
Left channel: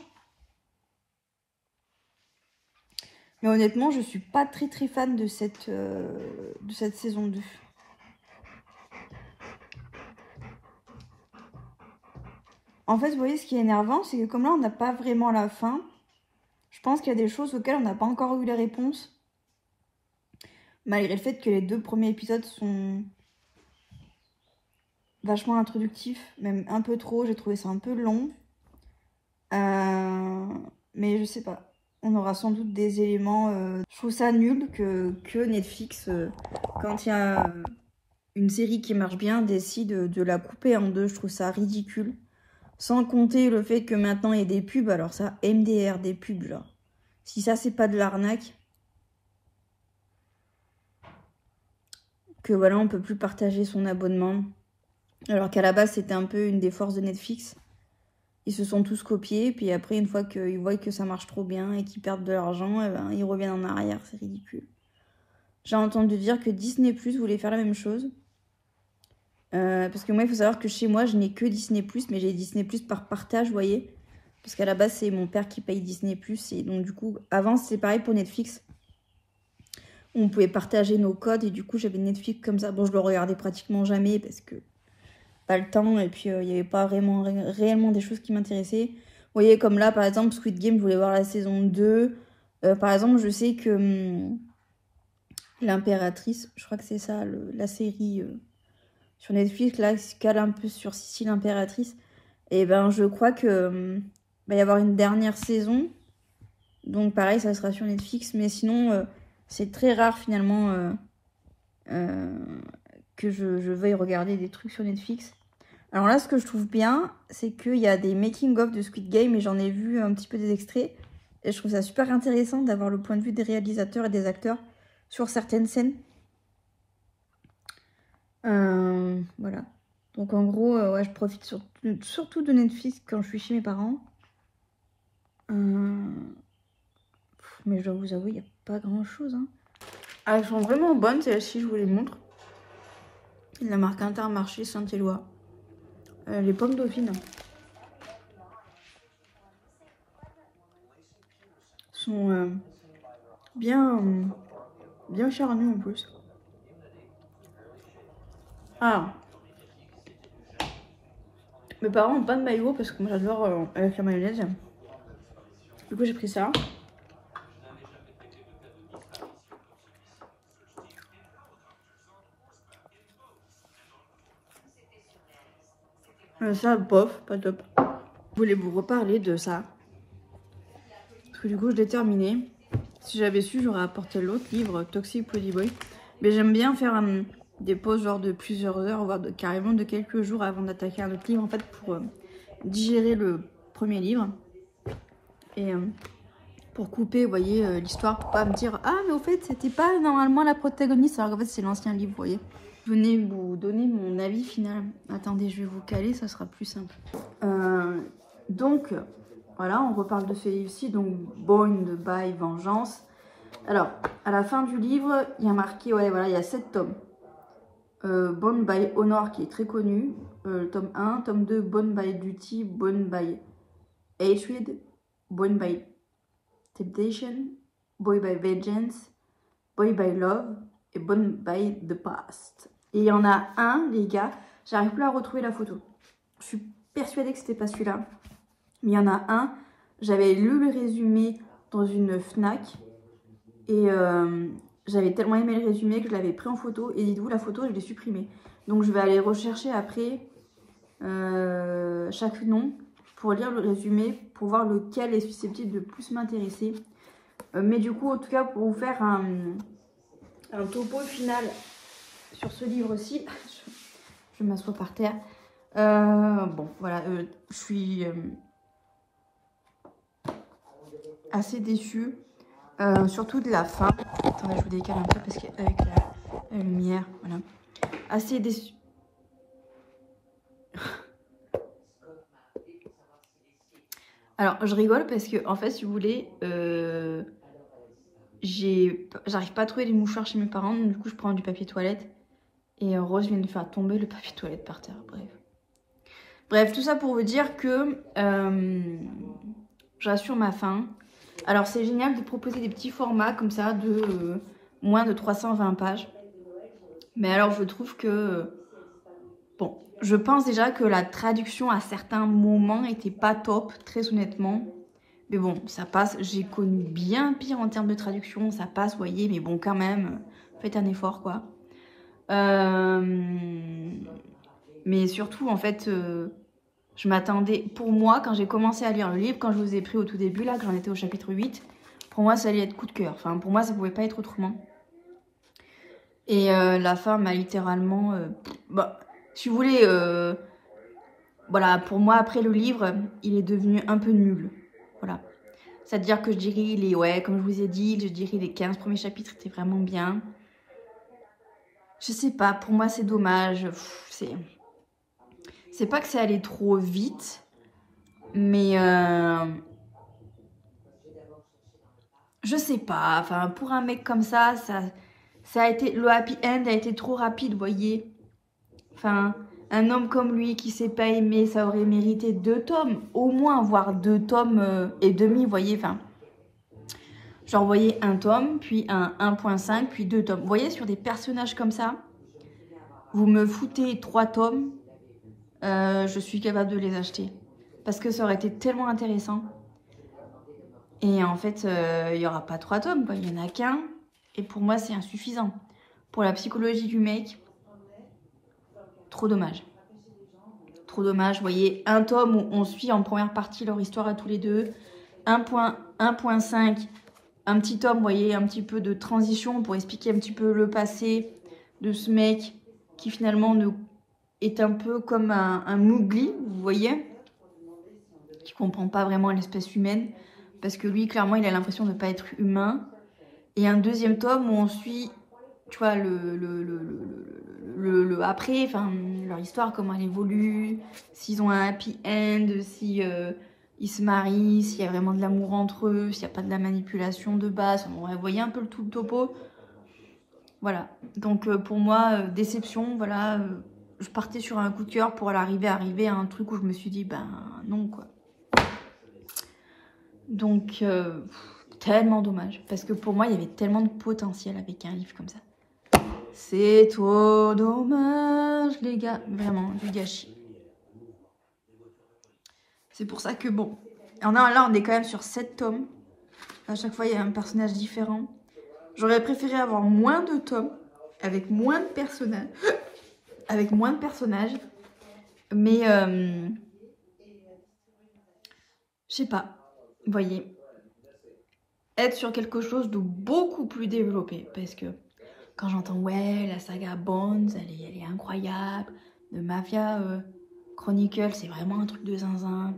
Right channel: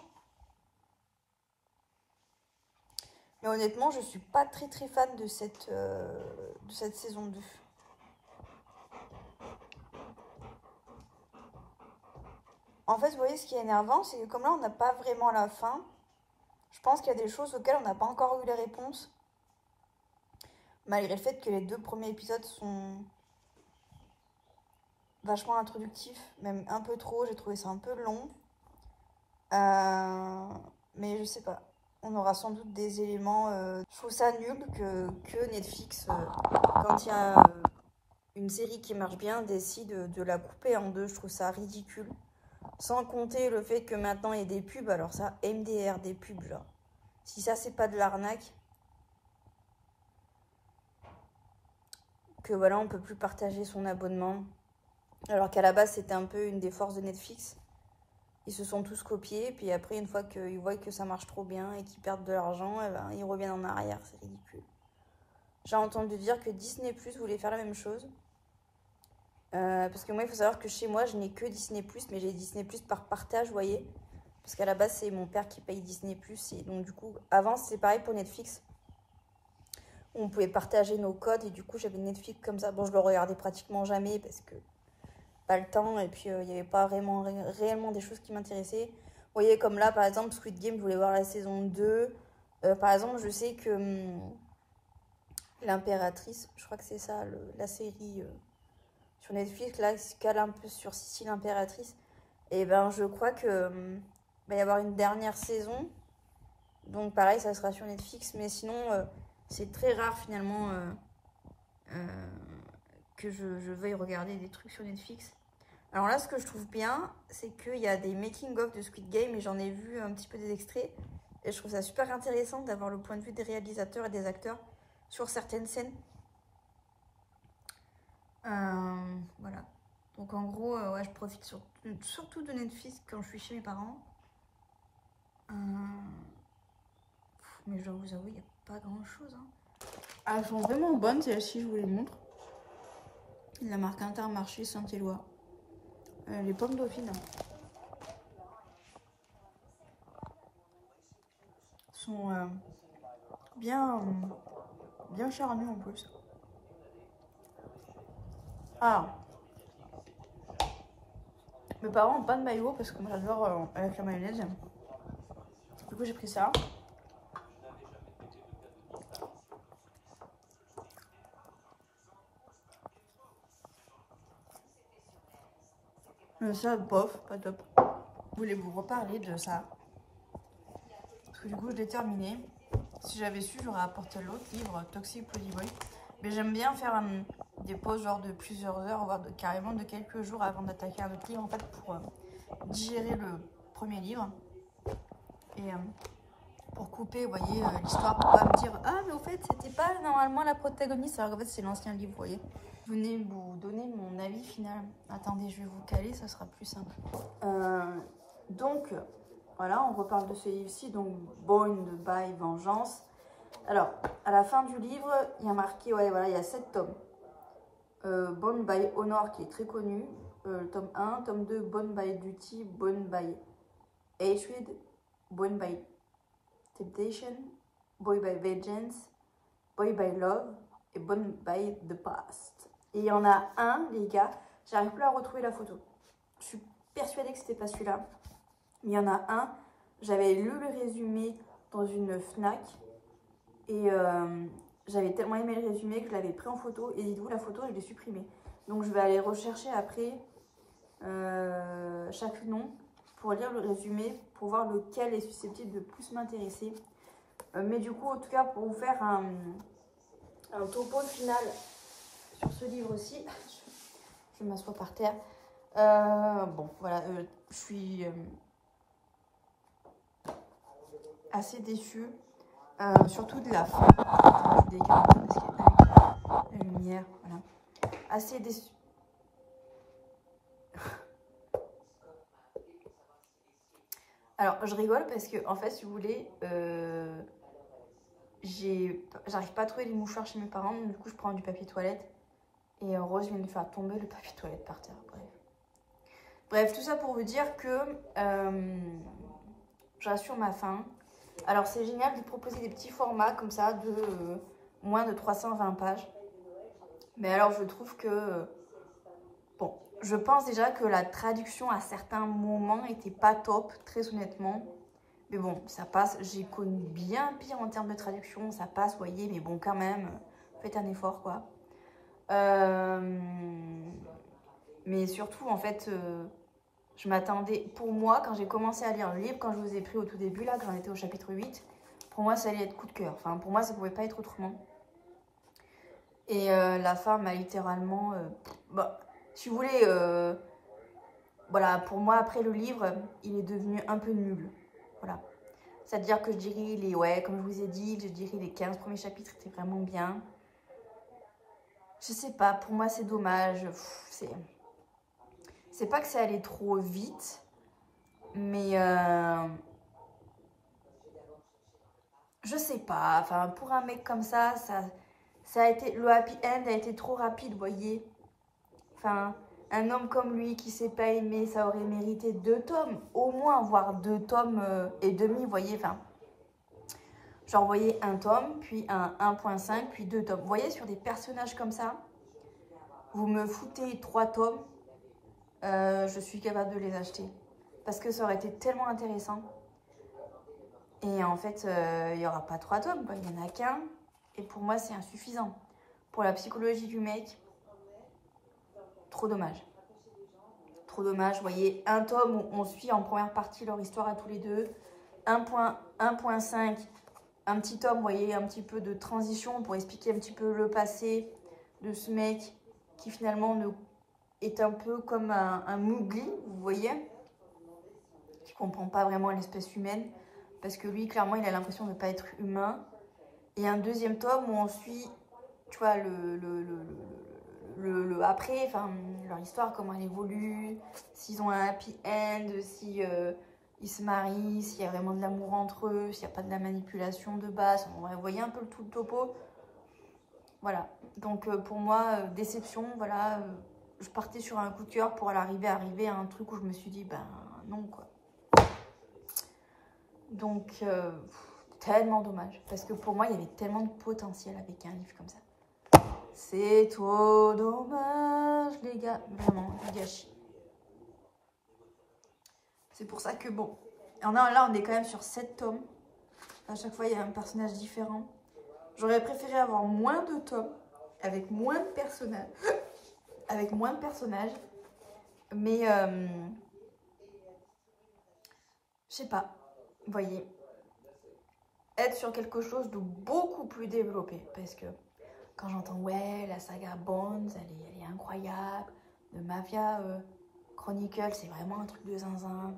Mais honnêtement, je suis pas très très fan de cette saison 2. En fait, vous voyez, ce qui est énervant, c'est que comme là, on n'a pas vraiment la fin, je pense qu'il y a des choses auxquelles on n'a pas encore eu les réponses. Malgré le fait que les 2 premiers épisodes sont vachement introductifs, même un peu trop, j'ai trouvé ça un peu long. Mais je sais pas. On aura sans doute des éléments... Je trouve ça nul que Netflix, quand il y a une série qui marche bien, décide de la couper en 2. Je trouve ça ridicule. Sans compter le fait que maintenant il y a des pubs. Alors ça, MDR, des pubs, genre. Si ça, c'est pas de l'arnaque. Que voilà, on peut plus partager son abonnement. Alors qu'à la base, c'était un peu une des forces de Netflix. Ils se sont tous copiés, puis après, une fois qu'ils voient que ça marche trop bien et qu'ils perdent de l'argent, eh ben, ils reviennent en arrière, c'est ridicule. J'ai entendu dire que Disney Plus voulait faire la même chose. Parce que moi, il faut savoir que chez moi, je n'ai que Disney Plus, mais j'ai Disney Plus par partage, vous voyez. Parce qu'à la base, c'est mon père qui paye Disney Plus, et donc du coup, avant, c'est pareil pour Netflix. On pouvait partager nos codes, et du coup, j'avais Netflix comme ça. Bon, je le regardais pratiquement jamais, parce que pas le temps, et puis il n'y avait pas vraiment réellement des choses qui m'intéressaient. Vous voyez, comme là, par exemple, Squid Game, je voulais voir la saison 2. Par exemple, je sais que l'Impératrice, je crois que c'est ça, la série sur Netflix, là, qui cale un peu sur Sissi l'Impératrice. Et ben, je crois que va y avoir une dernière saison. Donc, pareil, ça sera sur Netflix. Mais sinon, c'est très rare, finalement, que je veuille regarder des trucs sur Netflix. Alors là, ce que je trouve bien, c'est qu'il y a des making-of de Squid Game et j'en ai vu un petit peu des extraits. Et je trouve ça super intéressant d'avoir le point de vue des réalisateurs et des acteurs sur certaines scènes. Voilà. Donc en gros, ouais, je profite surtout de Netflix quand je suis chez mes parents. Mais je dois vous avouer, il n'y a pas grand-chose. Hein. Ah, elles sont vraiment bonnes, celles-ci, je vous les montre. La marque Intermarché Saint-Éloi. Les pommes dauphines sont bien charnues en plus. Alors, mes parents n'ont pas de maillot parce que moi j'adore avec la mayonnaise. Du coup, j'ai pris ça. Ça, bof, pas top. Je voulais vous reparler de ça. Parce que du coup, je l'ai terminé. Si j'avais su, j'aurais apporté l'autre livre, Toxic Pretty Boy. Mais j'aime bien faire des pauses genre de plusieurs heures, voire carrément de quelques jours avant d'attaquer un autre livre, en fait, pour digérer le premier livre. Et pour couper, vous voyez, l'histoire, pour pas me dire « Ah, mais au fait, c'était pas normalement la protagoniste », alors qu'en fait, c'est l'ancien livre, vous voyez. Je venais vous donner mon avis final. Attendez, je vais vous caler, ça sera plus simple. Donc, voilà, on reparle de ce livre-ci, donc Bound by Vengeance. Alors, à la fin du livre, il y a marqué, ouais, voilà, il y a 7 tomes. Bound by Honor, qui est très connu, tome 1, tome 2, Bound by Duty, Bound by Hatred, Bound by Temptation, Boy by Vengeance, Boy by Love et Bound by the Past. Et il y en a un, les gars, j'arrive plus à retrouver la photo. Je suis persuadée que c'était pas celui-là. Mais il y en a un, j'avais lu le résumé dans une FNAC. Et j'avais tellement aimé le résumé que je l'avais pris en photo. Et dites-vous, la photo, je l'ai supprimée. Donc je vais aller rechercher après chaque nom pour lire le résumé, pour voir lequel est susceptible de plus m'intéresser. Mais du coup, en tout cas, pour vous faire un topo final sur ce livre-ci, je m'assois par terre. Bon, voilà, je suis assez déçue, surtout de la fin. Attends, je vous décale un peu parce qu'avec la lumière, voilà. Assez déçue. Alors, je rigole parce que, en fait, si vous voulez, j'arrive pas à trouver les mouchoirs chez mes parents, donc du coup, je prends du papier toilette. Et Rose vient de faire tomber le papier toilette par terre, Bref, tout ça pour vous dire que je rassure ma faim. Alors, c'est génial de proposer des petits formats comme ça de moins de 320 pages. Mais alors, je trouve que... bon, je pense déjà que la traduction à certains moments n'était pas top, très honnêtement. Mais bon, ça passe. J'ai connu bien pire en termes de traduction. Ça passe, vous voyez. Mais bon, quand même, faites un effort, quoi. Mais surtout, en fait, je m'attendais... Pour moi, quand j'ai commencé à lire le livre, quand je vous ai pris au tout début, là, que j'en étais au chapitre 8, pour moi, ça allait être coup de cœur. Enfin, pour moi, ça pouvait pas être autrement. Et la fin m'a littéralement... bah, si vous voulez... voilà, pour moi, après le livre, il est devenu un peu nul. Voilà. C'est-à-dire que je dirais, ouais, comme je vous ai dit, je dirais les 15 premiers chapitres étaient vraiment bien. Je sais pas, pour moi, c'est dommage. C'est pas que c'est allé trop vite, mais... je sais pas, enfin, pour un mec comme ça a été... Le happy end a été trop rapide, vous voyez. Enfin... Un homme comme lui qui s'est pas aimé, ça aurait mérité 2 tomes, au moins, voire 2 tomes et demi, vous voyez, enfin, genre, vous voyez, un tome, puis un 1.5, puis 2 tomes. Vous voyez, sur des personnages comme ça, vous me foutez 3 tomes, je suis capable de les acheter. Parce que ça aurait été tellement intéressant. Et en fait, il n'y aura pas 3 tomes, quoi, il n'y en a qu'un, et pour moi, c'est insuffisant. Pour la psychologie du mec... Trop dommage. Trop dommage. Vous voyez, un tome où on suit en première partie leur histoire à tous les deux. 1.5, un petit tome, vous voyez, un petit peu de transition pour expliquer un petit peu le passé de ce mec qui finalement est un peu comme un Mowgli, vous voyez, qui comprend pas vraiment l'espèce humaine. Parce que lui, clairement, il a l'impression de ne pas être humain. Et un deuxième tome où on suit, tu vois, le après, enfin, leur histoire, comment elle évolue, s'ils ont un happy end, si ils se marient, s'il y a vraiment de l'amour entre eux, s'il n'y a pas de la manipulation de base. Bon, vous voyez un peu tout le topo. Voilà. Donc, pour moi, déception, voilà. Je partais sur un coup de cœur pour arriver à un truc où je me suis dit, ben non, quoi. Donc, tellement dommage. Parce que pour moi, il y avait tellement de potentiel avec un livre comme ça. C'est trop dommage, les gars. Vraiment, du gâchis. C'est pour ça que, bon... Là, on est quand même sur 7 tomes. À chaque fois, il y a un personnage différent. J'aurais préféré avoir moins de tomes, avec moins de personnages. Avec moins de personnages. Mais, je sais pas. Vous voyez. Être sur quelque chose de beaucoup plus développé. Parce que... Quand j'entends, ouais, la saga Bones, elle est incroyable. De Mafia Chronicle, c'est vraiment un truc de zinzin.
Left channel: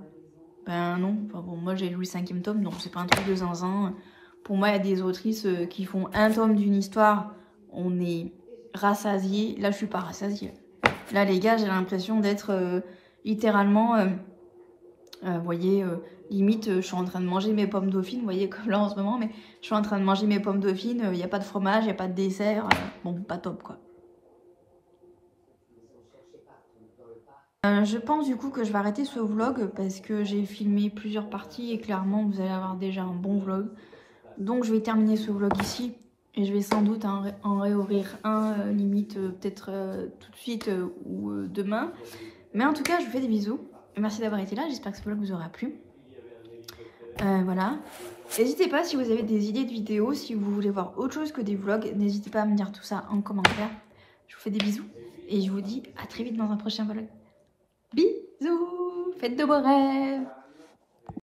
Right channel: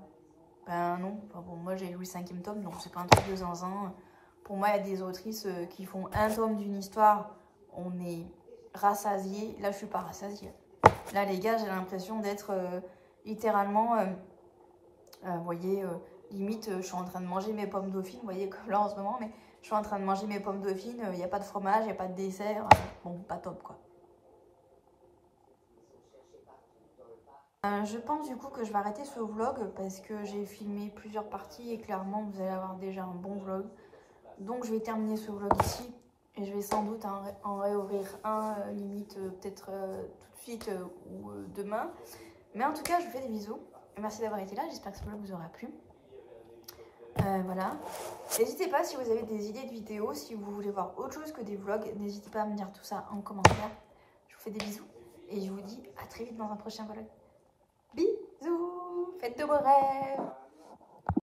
Ben non, enfin bon, moi j'ai lu le 5e tome, donc c'est pas un truc de zinzin. Pour moi, il y a des autrices qui font un tome d'une histoire, on est rassasié. Là, je suis pas rassasiée. Là, les gars, j'ai l'impression d'être littéralement, vous voyez, limite, je suis en train de manger mes pommes dauphines, vous voyez, comme là en ce moment, mais je suis en train de manger mes pommes dauphines, il n'y a pas de fromage, il n'y a pas de dessert, bon, pas top, quoi. Je pense du coup que je vais arrêter ce vlog parce que j'ai filmé plusieurs parties et clairement, vous allez avoir déjà un bon vlog. Donc, je vais terminer ce vlog ici et je vais sans doute en réouvrir un, limite, peut-être tout de suite ou demain. Mais en tout cas, je vous fais des bisous. Merci d'avoir été là, j'espère que ce vlog vous aura plu. Voilà. N'hésitez pas si vous avez des idées de vidéos, si vous voulez voir autre chose que des vlogs, n'hésitez pas à me dire tout ça en commentaire. Je vous fais des bisous et je vous dis à très vite dans un prochain vlog. Bisous, faites de beaux rêves.